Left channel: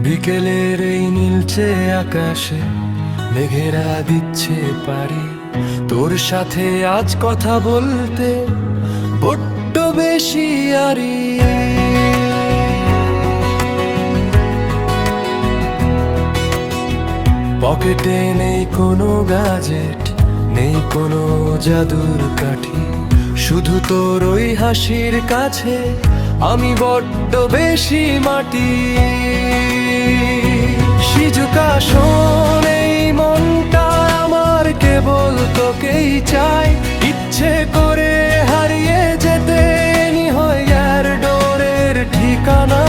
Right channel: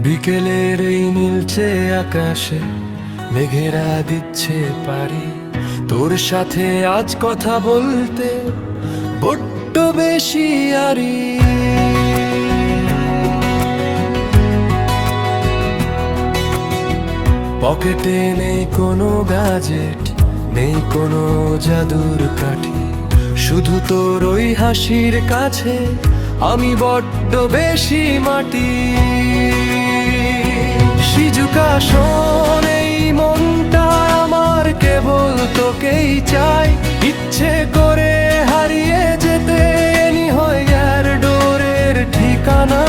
বিকেলের এই নীলচে আকাশে মেঘেরা দিচ্ছে পারি, তোর সাথে আজ কথা বলতে বড্ড বেশি আরি। পকেটে নেই কোনো গ্যাজেট, নেই কোনো জাদুর কাঠি, শুধু তোর ওই হাসির কাছে আমি বড্ড বেশি মাটি। শিজুকা শোন, এই মনটা আমার কেবল তোকেই চাই, ইচ্ছে করে হারিয়ে যেতে নি হয় আর ডোরের ঠিকানা।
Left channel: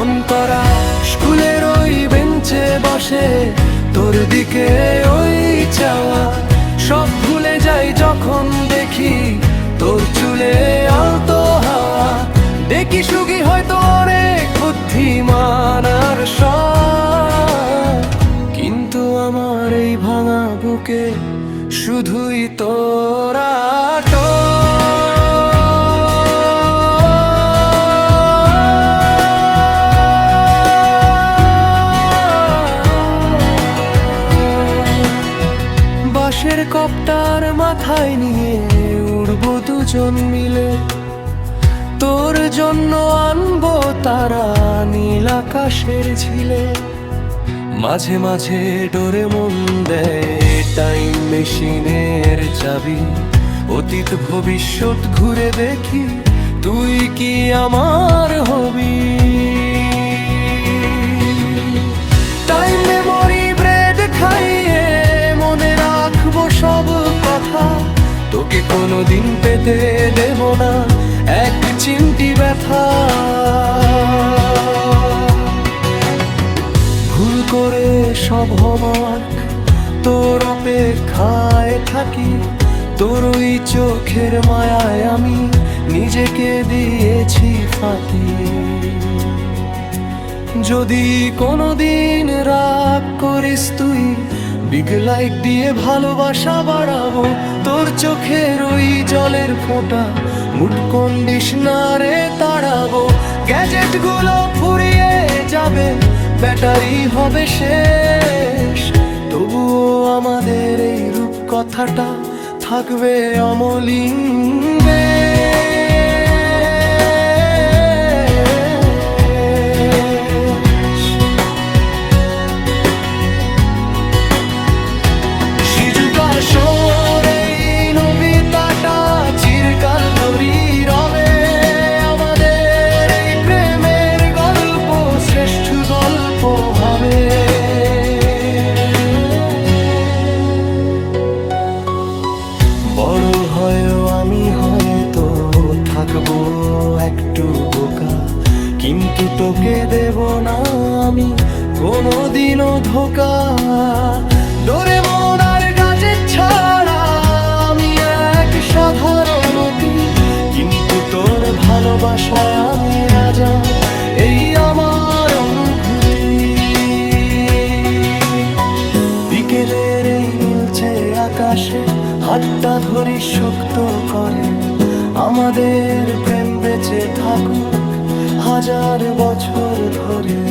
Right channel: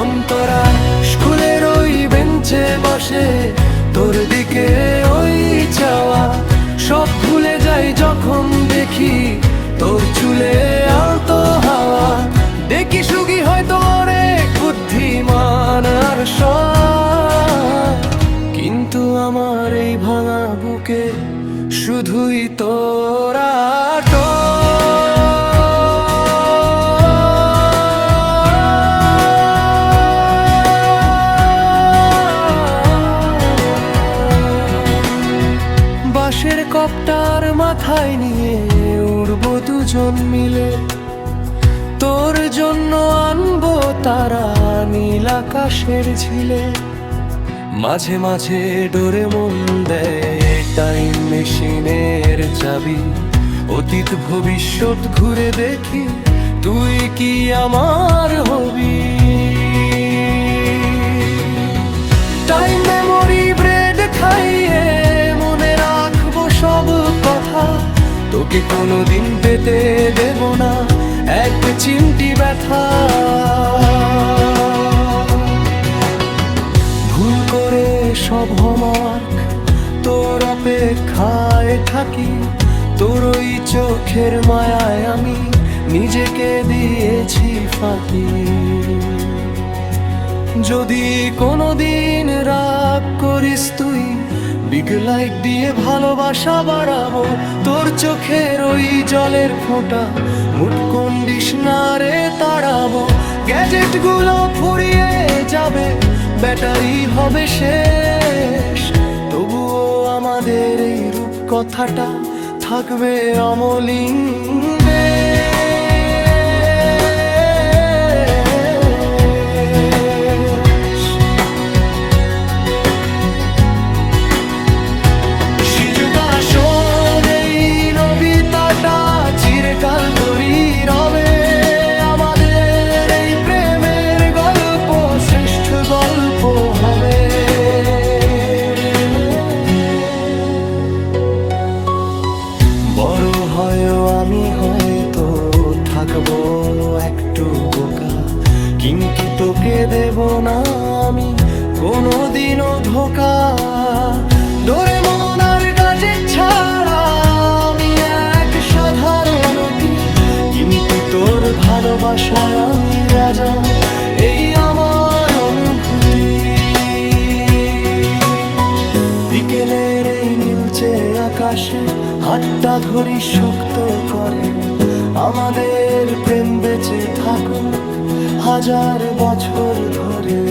অন্তরা স্কুলের ওই বেঞ্চে বসে তোর দিকে ওই চাওয়া, সব ভুলে যাই যখন দেখি তোর চুলে আলতো হাওয়া। দেখি সুখী হয়তো অনেক বুদ্ধিমান আর সয়, কিন্তু আমার এই ভাঙা বুকে শুধুই তোরা বাঁশের কপ্টার মাথায় নিয়ে উড়বো দুজন মিলে, তোর জন্য আনবো তারা নীল আকাশের ঝিলে। মাঝে মাঝে ডোরেমন দেয় টাইম মেশিনের চাবি, অতীত ভবিষ্যৎ ঘুরে দেখি তুই কি আমার হবি। টাইম মেমোরি ব্রেড খাইয়ে মনে রাখবো সব কথা, তোকে কোনোদিন পেতে দেব না এক চিমটি ব্যথা। ভুল করে সব হোমওয়ার্ক তোর অপেক্ষায় থাকি, তোর ওই চোখের মায়ায় আমি নিজেকে দিয়েছি ফাঁকি। যদি কোনোদিন রাগ করিস তুই, বিগ লাইট দিয়ে ভালোবাসা বাড়াবো, তোর চোখের ওই জলের ফোঁটা মুড কন্ডিশনারে তাড়াবো। গ্যাজেট গুলো ফুরিয়ে যাবে, ব্যাটারি হবে শেষ, তবুও আমাদের এই রূপ কথাটা থাকবে অমলিন। শিজুকা শোন, এই নবিতাটা চিরকাল তোরই রবে, আমাদের এই প্রেমের গল্প শ্রেষ্ঠ গল্প হবে। বড় হয়েও আমি হয়তো থাকবো একটু বোকা, কিন্তু তোকে দেব না আমি কোনোদিনও ধোকা। ডোরেমন আর গ্যাজেট ছাড়া আমি এক সাধারণ অতি, কিন্তু তোর ভালোবাসায় আমি রাজা, এই আমার অনুভূতি। বিকেলের এই নীলচে আকাশে হাতটা ধরি শক্ত করে, আমাদের প্রেম বেঁচে থাকুক হাজার বছর ধরে।